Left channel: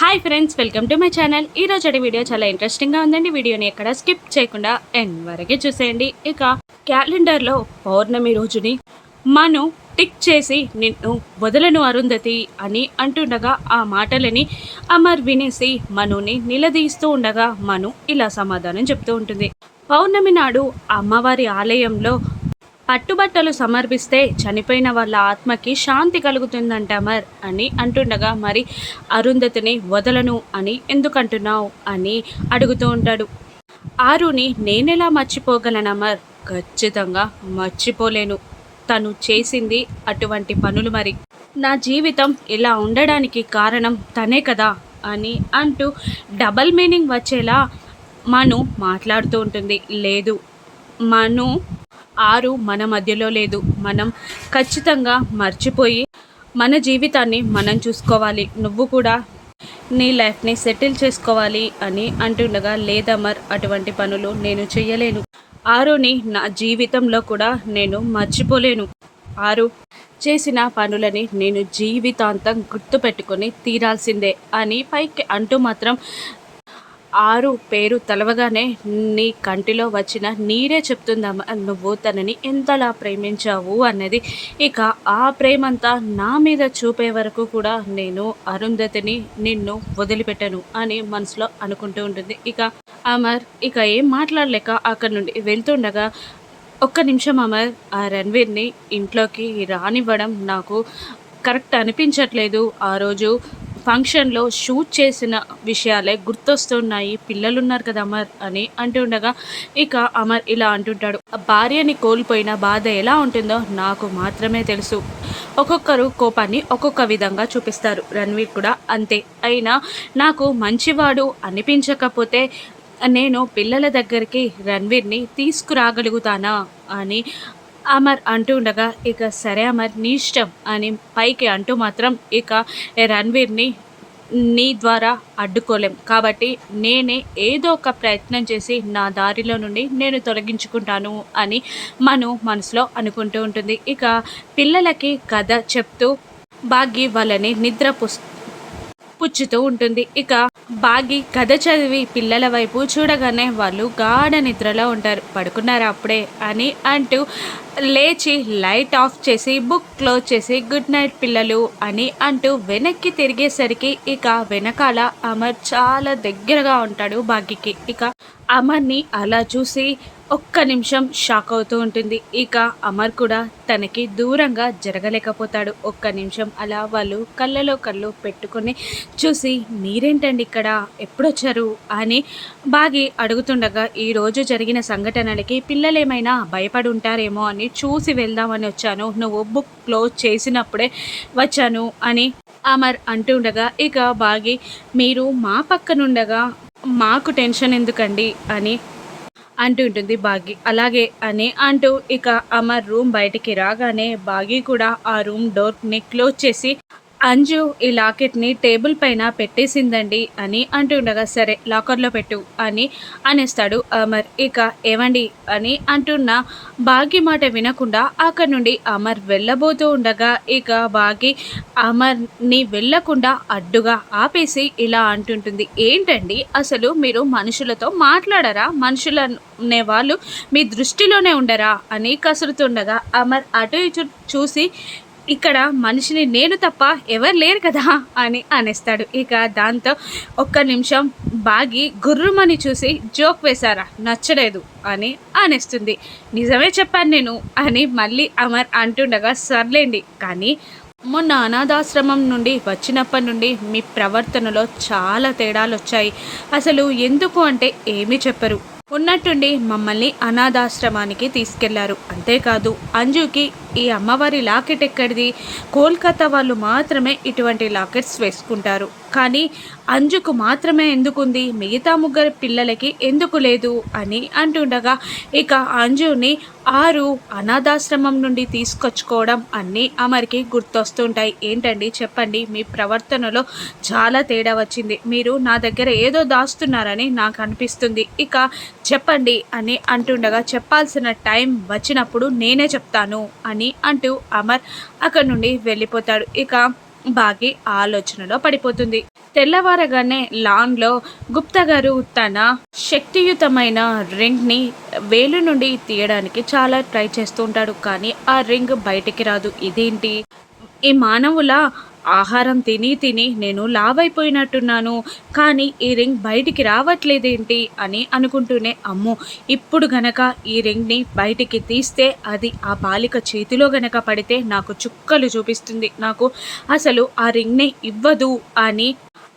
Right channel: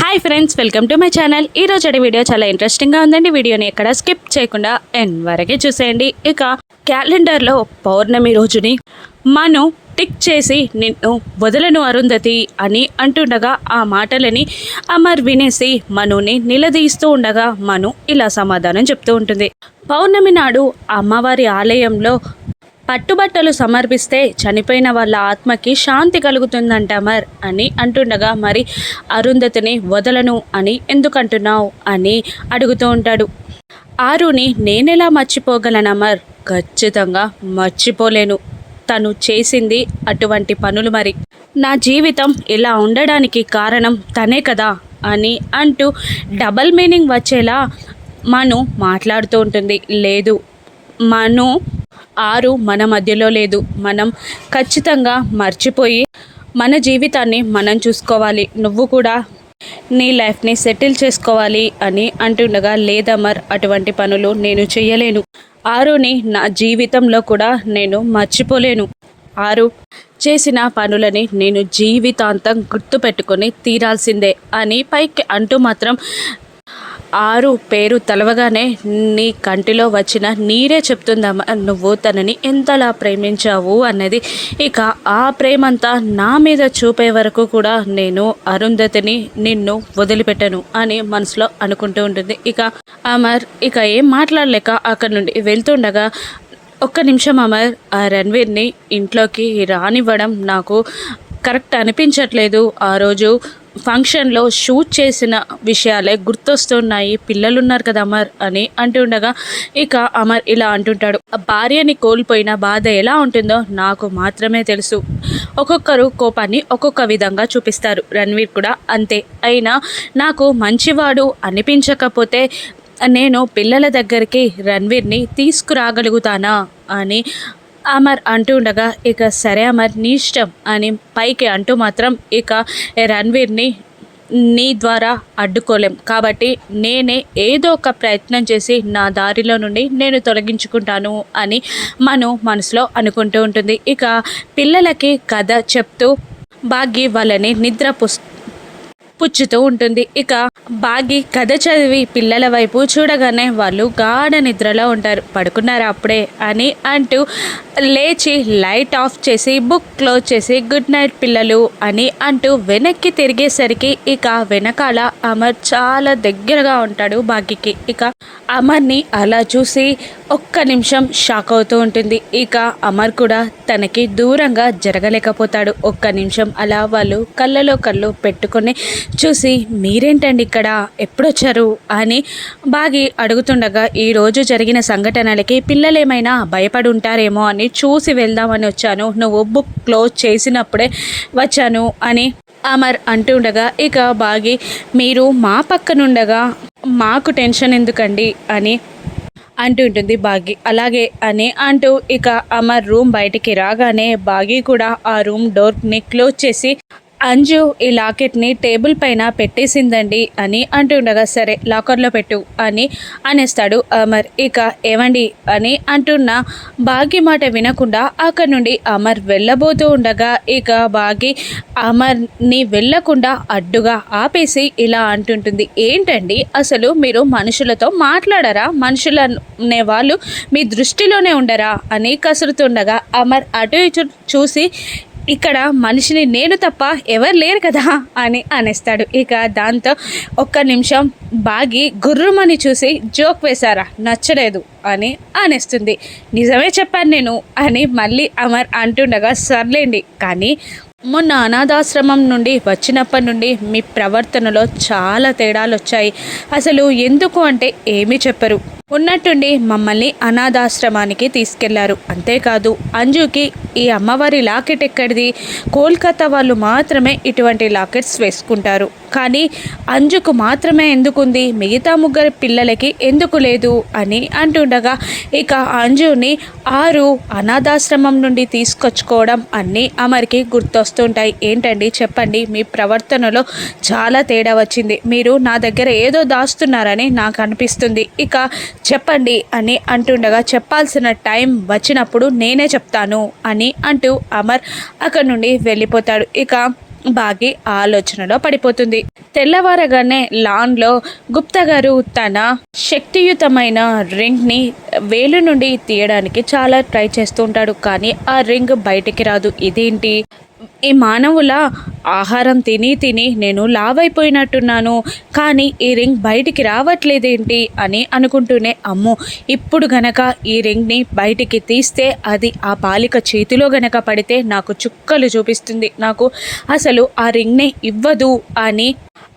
Hi friends, welcome to my channel. ఈరోజు video చాలా ఇంట్రెస్టింగ్గా ఉందండి. వీడియోని ఎక్కడ స్కిప్ చేయకుండా ఎండ్ వరకే చూసేయండి. ఇక క్యాలెండర్లో పౌర్ణమి రోజుని మను టిక్ చేసి నిన్ను వదలను అరుంధతి అని అంటుండగా ఆ మాటలని అమర్ వినేసి మనుని నిలదీస్తూ ఉండగా మను ఇలా సమాధానం చెప్తూ ఉంటుంది. పౌర్ణమి నాడు అమ్మవారి ఆలయంలో పట్టుబట్టలు సమర్పిస్తే చనిపోయిన వాళ్ళ ఆత్మకి శాంతి కలుగుతుందంట అమర్ అని అంటుండగా, మరి అరుంధతిని వదలను అని ఎందుకంటున్నావు అని అడుగుతూ ఉంటాడు. ఆరుని నేనెలా మర్చిపోగలను అమర్? ఖచ్చితంగా మర్చిపోలేను. తను చేసింది అటువంటి పనులు. మరి నా జీవితం ఇలా ఉండడానికి కారణం తనే కదా అని అంటూ డబల్ మీనింగ్ వచ్చేలా మను మాట్లాడుతూ ఉంటుంది. లేదు మను, ఆరు మన మధ్యలో లేదు. మనం ఖచ్చితంగా మర్చిపోయి మన జీవితాన్ని మనం చూసుకోవాలి. నువ్వు కూడా నీ లైఫ్ని సెటిల్ చేసుకోవాలి అని అంటుండగా, లేదమర్, అటువంటి పనులు నేను చేయలేను. ఆరుని నా జీవితంలో కూడా నేను మర్చిపోలేను. ఆరు చేసిన పనులని నేను జీవితాంతం గుర్తుపెట్టుకొని తీరాల్సిందే అని పైకి అంటూ మాత్రం ఆరు పేరు తలవగానే నీ కంటిలో వచ్చిన నీరే చెప్తుందమ్మా నువ్వు తనని ఎంతలా ప్రేమించావు అన్నది. ఇక ఆ ప్రేమంతా నా మీద చూపే వరకు కూడా నేను అరుంధతిని నిన్ను వదిలిపెట్టను అని మనసులో అనుకుంటూ ఉంటుంది. ఇక అమర్ ఇక ఏం మాట్లాడలేక అక్కడి నుండి వెళ్తుండగా, ఒక్క నిమిషం అమర్, ఆ రణ్వీర్ని ఇంట్లోకి రానివ్వడం నాకు కరెక్ట్ అనిపించట్లేదు. ఆ రోజు ఫంక్షన్లో షూట్ చేసిన విషయాలే గుర్తొస్తున్నాయి. పిల్లలున్నారు కదా అమర్ అని అంటుండగా, ఇక అమర్ ఇలా అంటుంటాడు. భార్యని కోల్పోయిన బాధ ఎలా ఉంటుందో నాకు మాత్రమే తెలుసు. ఒక్కొక్కరు కోపాన్ని ఒక్కొక్క విధంగా చూపిస్తారు. రణ్వీర్ కూడా అంతే. అయినా నాకు మంచివాడు అనిపించకపోతే నేను పిల్లల దగ్గరికి రణ్వీర్ని తీసుకురాగలుగుతానా అని అమర్ అంటూ ఉండగా, ఇక సరే అమర్ నీ ఇష్టం అని పైకి అంటూ మాత్రం, ఇక రణ్వీర్ని నీ ద్వారా అడ్డుకోలేం కాబట్టి నేనే ఏదో ఒక ప్రయత్నం చేసి నా దారిలో నుండి నేను తొలగించుకుంటాను అని మను మనసులో అనుకుంటూ ఉంటుంది. ఇక పిల్లలకి కథ చెప్తూ భాగ్య వాళ్ళని నిద్ర పుచ్చుతూ ఉంటుంది. ఇక బాగి కథ చదివి పిల్లల వైపు చూడగానే వాళ్ళు గాఢ నిద్రలో ఉంటారు. పడుకున్నారా అప్పుడే అని అంటూ లేచి లైట్ ఆఫ్ చేసి బుక్ క్లోజ్ చేసి గుడ్ నైట్ పిల్లలు అని అంటూ వెనక్కి తిరిగేసరికి ఇక వెనకాల అమర్ చాలా దగ్గరగా ఉంటాడు బాగికి. ఇక అమర్ని అలా చూసి ఒక్క నిమిషం షాక్ అవుతూ ఉంటుంది. ఇక అమర్ కూడా తనకి దూరంగా జరగలేకపోతాడు. ఒక్క నిమిషం అలా వాళ్ళు కళ్ళలో కళ్ళు పెట్టుకొని చూసి, మీరేంటండి ఇక్కడ, ఎప్పుడొచ్చారు అని బాగి అడుగుతుండగా, ఈరోజు జరిగిన సంఘటనలకి పిల్లలేమైనా భయపడి ఉంటారేమో అని చూసి వెళ్దామని వచ్చాను. నువ్వు బుక్ క్లోజ్ చేసినప్పుడే వచ్చాను అని అమర్ అంటుండగా, ఇక బాగి మీరు మా పక్కనుండగా మాకు టెన్షన్ ఎందుకండి అని అంటుంటుంది బాగి. అలాగే అని అంటూ ఇక అమర్ రూమ్ బయటికి రాగానే బాగి కూడా ఆ రూమ్ డోర్ని క్లోజ్ చేసి, అంజు ఈ లాకెట్ని టేబుల్ పైన పెట్టేసిందండి అని అంటుండగా, సరే లాకర్లో పెట్టు అని అనేస్తాడు అమర్. ఇక ఏమండి అని అంటున్న బాగి మాట వినకుండా అక్కడి నుండి అమర్ వెళ్ళబోతూ ఉండగా, ఇక బాగి అమర్ని వెళ్ళకుండా అడ్డుగా ఆపేసి ఇలా అంటుంటుంది. ఏంటండి అసలు మీరు మనుషులతో మాట్లాడరా? మనుషులనే వాళ్ళు మీ దృష్టిలోనే ఉండరా అని కసురుతుండగా, అమర్ అటు ఇటు చూసి, ఇక్కడ మనిషిని నేను తప్ప ఎవరు లేరు కదా అని అనేస్తాడు. ఇక దాంతో ఒక్క నిమిషం బాగి గుర్రుమని చూసి, జోక్ వేశారా, నచ్చలేదు అని అనేస్తుంది. నిజమే చెప్పాను నేను అని మళ్ళీ అమర్ అంటుండగా, సర్లేండి కానీ మొన్న అనాథాశ్రమం నుండి వచ్చినప్పటి నుండి మీ ప్రవర్తనలో చాలా తేడాలు వచ్చాయి. అసలు ఎందుకు అంటే ఏమీ చెప్పరు. ఉన్నట్టుండి మమ్మల్ని అనాథాశ్రమానికి తీసుకెళ్లారు. అంతేకాదు అంజుకి ఈ అమ్మవారి లాకెట్ ఎక్కడిది? కోల్కతా వాళ్ళు మాత్రమే ఇటువంటి లాకెట్స్ వేసుకుంటారు, కానీ అంజుకు మాత్రమే ఎందుకుంది? మిగతా ముగ్గురు పిల్లలకి ఎందుకు లేదు అని అంటుండగా, ఇక అంజుని ఆరు అనాథాశ్రమం నుండి తీసుకొచ్చుకోవడం అన్నీ అమర్కి గుర్తొస్తుంటాయి. ఏంటండి చెప్పండి, మీ ప్రవర్తనలో చాలా తేడా వచ్చింది. మీరు నా దగ్గర ఏదో దాస్తున్నారని నాకు అనిపిస్తుంది. ఇక చెప్పండి అని అంటుండగా, చెప్పాల్సిన టైం వచ్చినప్పుడు నేనే చెప్తాను అని అంటూ అమర్ అక్కడి నుండి వెళ్ళిపోతాడు. ఇక బాగి ఆలోచనలో పడిపోతుంది. తెల్లవారగానే లాన్లో గుప్తా గారు తన శక్తియుతమైన రింగ్ని వేలు నుండి తీయడానికి చాలా ట్రై చేస్తూ ఉంటాడు. కానీ ఆ రింగ్ బయటికి రాదు. ఇదేంటి, ఈ మానవుల ఆహారం తిని తిని నేను లావైపోయినట్టున్నాను, కానీ ఈ రింగ్ బయటికి రావట్లేదేంటి అని అనుకుంటూనే, అమ్మో, ఇప్పుడు గనక ఈ రింగ్ని బయటికి తీస్తే అది ఆ బాలిక చేతిలో గనక పడితే నాకు చుక్కలు చూపిస్తుంది, నాకు అసలు ఆ రింగ్ని ఇవ్వదు అని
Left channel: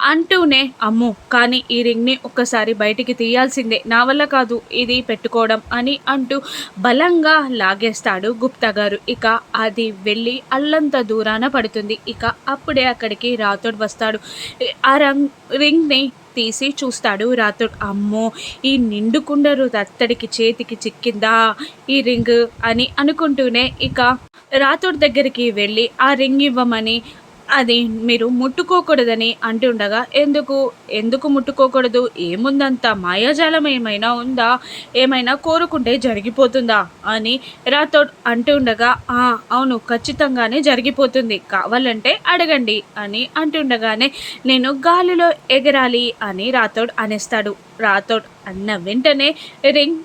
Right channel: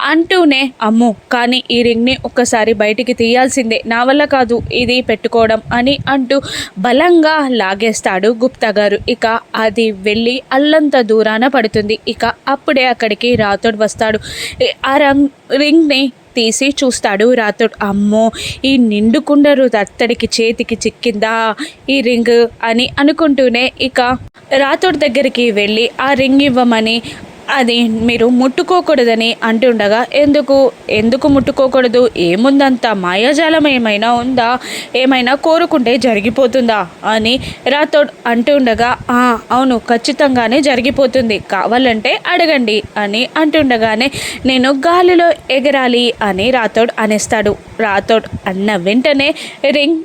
అంటూనే, అమ్మో, కానీ ఈ రింగ్ని ఒక్కసారి బయటికి తీయాల్సిందే, నా వల్ల కాదు ఇది పెట్టుకోవడం అని అంటూ బలంగా లాగేస్తాడు గుప్తా గారు. ఇక అది వెళ్ళి అల్లంత దూరాన పడుతుంది. ఇక అప్పుడే అక్కడికి రాథోడ్ వస్తాడు. ఆ రింగ్ని తీసి చూస్తాడు రాథోడ్. అమ్మో, ఈ నిండు కుండరు అత్తడికి చేతికి చిక్కిందా ఈ రింగ్ అని అనుకుంటూనే ఇక రాథోడ్ దగ్గరికి వెళ్ళి ఆ రింగ్ ఇవ్వమని, అది మీరు ముట్టుకోకూడదని అంటుండగా, ఎందుకు ముట్టుకోకూడదు, ఏముందంత మాయాజాలం ఏమైనా ఉందా, ఏమైనా కోరుకుంటే జరిగిపోతుందా అని రాథోడ్ అంటుండగా, అవును, ఖచ్చితంగానే జరిగిపోతుంది, కావాలంటే అడగండి అని అంటుండగానే, నేను గాలిలో ఎగరాలి అని రాథోడ్ అనేస్తాడు. రాథోడ్ అన్న వెంటనే రింగ్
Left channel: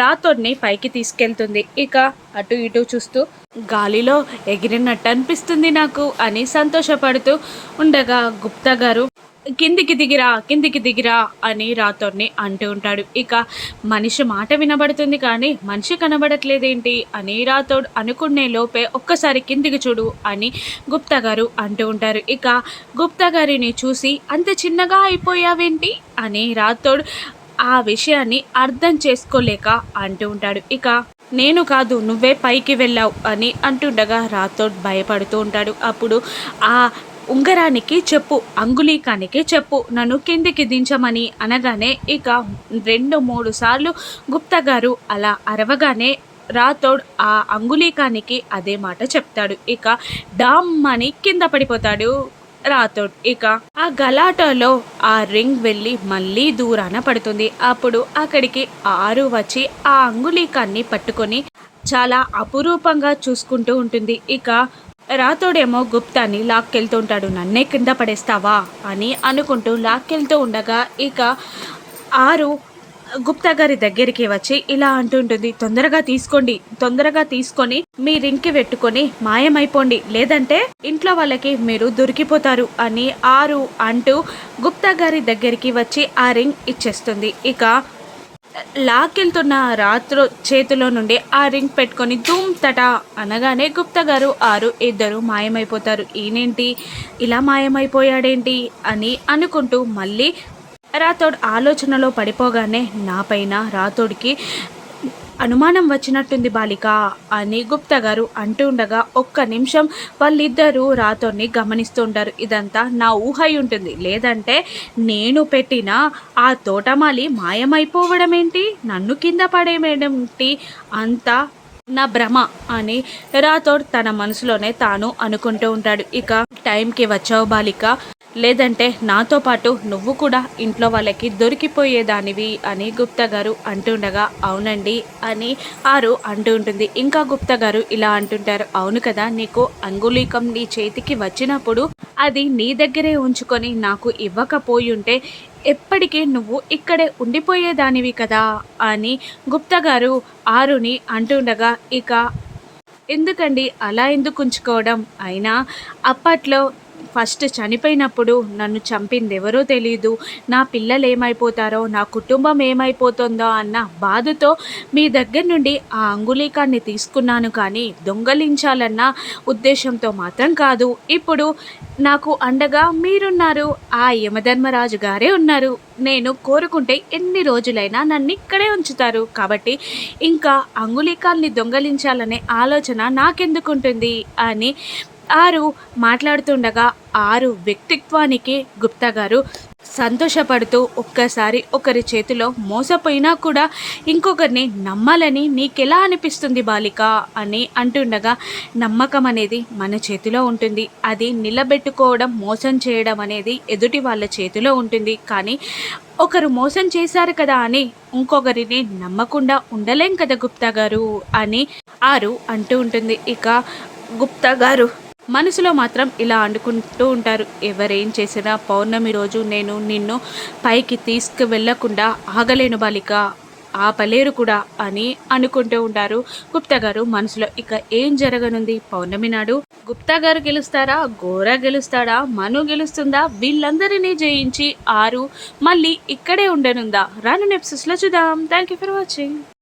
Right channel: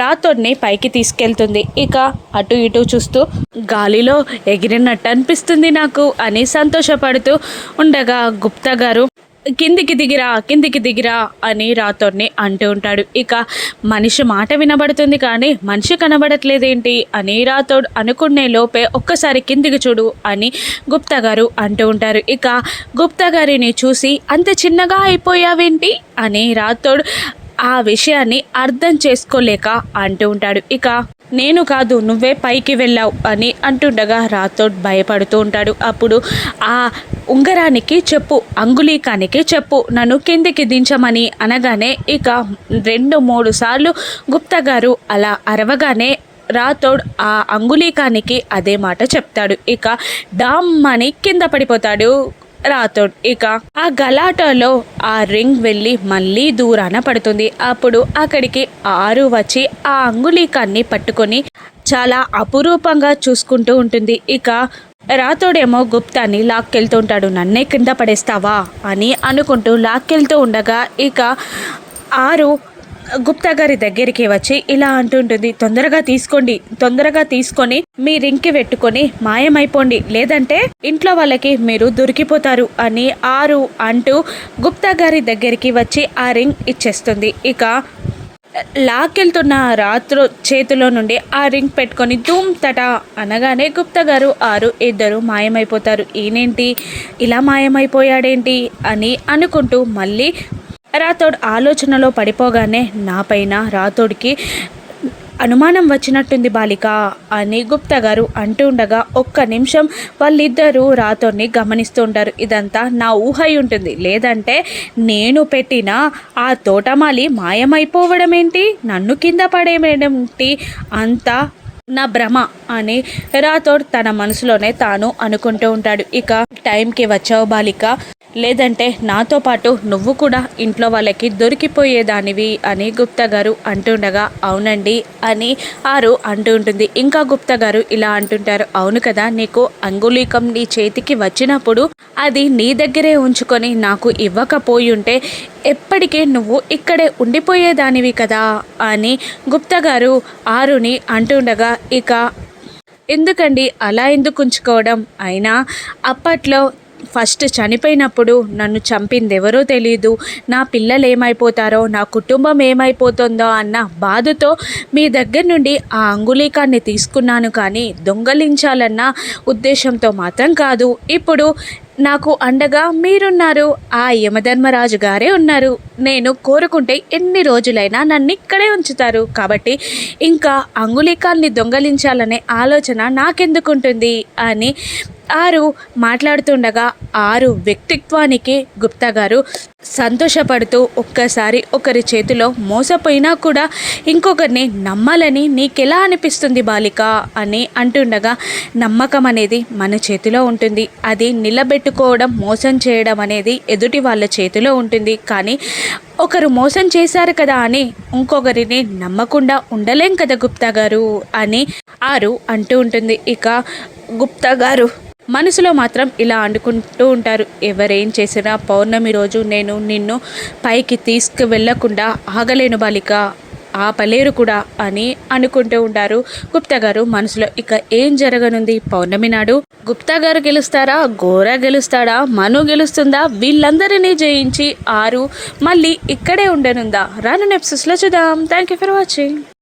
రాథోడ్ని పైకి తీసుకెళ్తుంది. ఇక అటు ఇటు చూస్తూ గాలిలో ఎగిరినట్టు అనిపిస్తుంది నాకు అని సంతోషపడుతూ ఉండగా గుప్తా గారు కిందికి దిగిరా అని రాథోడ్ని అంటూ ఉంటాడు. ఇక మనిషి మాట వినబడుతుంది కానీ మనిషి కనబడట్లేదేంటి అని రాథోడ్ అనుకునే లోపే ఒక్కసారి కిందికి చూడు అని గుప్తా గారు అంటూ ఉంటారు. ఇక గుప్తా గారిని చూసి అంత చిన్నగా అయిపోయావేంటి అని రాథోడ్ ఆ విషయాన్ని అర్థం చేసుకోలేక అంటూ ఉంటాడు. ఇక నేను కాదు, నువ్వే పైకి వెళ్ళావు అని అంటుండగా రాథోడ్ భయపడుతూ ఉంటాడు. అప్పుడు ఆ ఉంగరానికి చెప్పు, అంగుళీకానికి చెప్పు, నన్ను కిందికి దించమని అనగానే ఇక 2-3 సార్లు గుప్తా గారు అలా అరవగానే రాథోడ్ ఆ అంగుళీకానికి అదే మాట చెప్తాడు. ఇక డామ్ అని కింద పడిపోతాడు రాథోడ్. ఇక ఆ గలాటాలో ఆ రింగ్ వెళ్ళి మళ్ళీ దూరాన పడుతుంది. అప్పుడు అక్కడికి 6 వచ్చి ఆ అంగుళీకాన్ని పట్టుకొని చాలా అపురూపంగా చూసుకుంటూ ఉంటుంది. ఇక రాథోడేమో గుప్తాని లాక్కెళ్తూ ఉంటాడు. నన్నే కింద పడేస్తావా అని అనుకుంటూ లాక్కెళ్తూ ఉండగా ఇక 6 గుప్తా గారి దగ్గరికి వచ్చి ఇలా అంటుంటుంది, తొందరగా తీసుకొని మీ రింగ్కి పెట్టుకొని మాయమైపోండి, లేదంటే ఇంట్లో వాళ్ళకి మీరు దొరికిపోతారు అని 6 అంటూ గుప్తా గారి దగ్గరికి వచ్చి ఆ రింగ్ ఇచ్చేస్తుంది. ఇక లాక్కెళ్తున్న రాత్రు చేతిలో నుండి ఆ రింగ్ పెట్టుకొని ధూమ్ తటా అనగానే గుప్తా గారు 6 ఇద్దరు మాయమైపోతారు. ఈయనేంటి ఇలా మాయమైపోయాడేంటి అని అనుకుంటూ మళ్ళీ రాథోడ్ ఆలోచనలో పడిపోగానే, నా పైన రాథోడ్కి అనుమానం వచ్చినట్టుంది బాలిక అని గుప్తా గారు అంటూ ఉండగా ఒక్క నిమిషం వాళ్ళిద్దరూ రాథోడ్ని గమనిస్తూ ఉంటారు. ఇదంతా నా ఊహ ఉంటుంది, లేదంటే నేను పెట్టిన ఆ తోటమాలి మాయమైపోవడం ఏంటి, నన్ను కింద పడేయమేంటి, అంతా నా భ్రమ అని రాథోడ్ తన మనసులోనే తాను అనుకుంటూ ఉంటాడు. ఇక టైంకి వచ్చావు బాలిక, లేదంటే నాతో పాటు నువ్వు కూడా ఇంట్లో వాళ్ళకి దొరికిపోయేదానివి అని గుప్తా గారు అంటుండగా, అవునండి అని 6 అంటూ ఉంటుంది. ఇంకా గుప్తా గారు ఇలా అంటుంటారు, అవును కదా, నీకు అంగుళీకం నీ చేతికి వచ్చినప్పుడు అది నీ దగ్గరే ఉంచుకొని నాకు ఇవ్వకపోయి ఉంటే ఎప్పటికీ నువ్వు ఇక్కడే ఉండిపోయేదానివి కదా అని గుప్తా గారు 6ని అంటుండగా, ఇక ఎందుకండి అలా ఎందుకు ఉంచుకోవడం, అయినా అప్పట్లో ఫస్ట్ చనిపోయినప్పుడు నన్ను చంపింది ఎవరో తెలీదు, నా పిల్లలు ఏమైపోతారో, నా కుటుంబం ఏమైపోతుందో అన్న బాధతో మీ దగ్గర నుండి ఆ అంగుళీకాన్ని తీసుకున్నాను, కానీ దొంగలించాలన్న ఉద్దేశంతో మాత్రం కాదు. ఇప్పుడు నాకు అండగా మీరున్నారు, ఆ యమధర్మరాజు గారే ఉన్నారు, నేను కోరుకుంటే ఎన్ని రోజులైనా నన్ను ఇక్కడే ఉంచుతారు, కాబట్టి ఇంకా అంగుళీకాన్ని దొంగలించాలనే ఆలోచన నాకెందుకుంటుంది అని 6 మాట్లాడుతుండగా 6 వ్యక్తిత్వానికి గుప్తా గారు సంతోషపడుతూ, ఒక్కసారి ఒకరి చేతిలో మోసపోయినా కూడా ఇంకొకరిని నమ్మాలని నీకెలా అనిపిస్తుంది బాలిక అని అంటుండగా, నమ్మకం అనేది మన చేతిలో ఉంటుంది, అది నిలబెట్టుకోవడం, మోసం చేయడం అనేది ఎదుటి వాళ్ళ చేతిలో ఉంటుంది, కానీ ఒకరు మోసం చేశారు కదా అని ఇంకొకరిని నమ్మకుండా ఉండలేం కదా గుప్తా గారు అని 6 అంటూ ఉంటుంది. ఇక గుప్తా గారు మనసులో మాత్రం ఇలా అనుకుంటూ ఉంటారు, ఎవరేం చేసినా పౌర్ణమి రోజు నేను నిన్ను పైకి తీసుకువెళ్ళకుండా ఆగలేను బాలిక, ఆపలేరు కూడా అని అనుకుంటూ ఉంటారు గుప్తా గారు మనసులో. ఇక ఏం జరగనుంది పౌర్ణమి నాడు? గుప్తా గారు గెలుస్తారా, గోరా గెలుస్తాడా, మను గెలుస్తుందా, వీళ్ళందరినీ జయించి ఆరు మళ్ళీ ఇక్కడే ఉండనుందా? రాను ఎపిసోడ్స్లో చూద్దాం. Thank you for watching.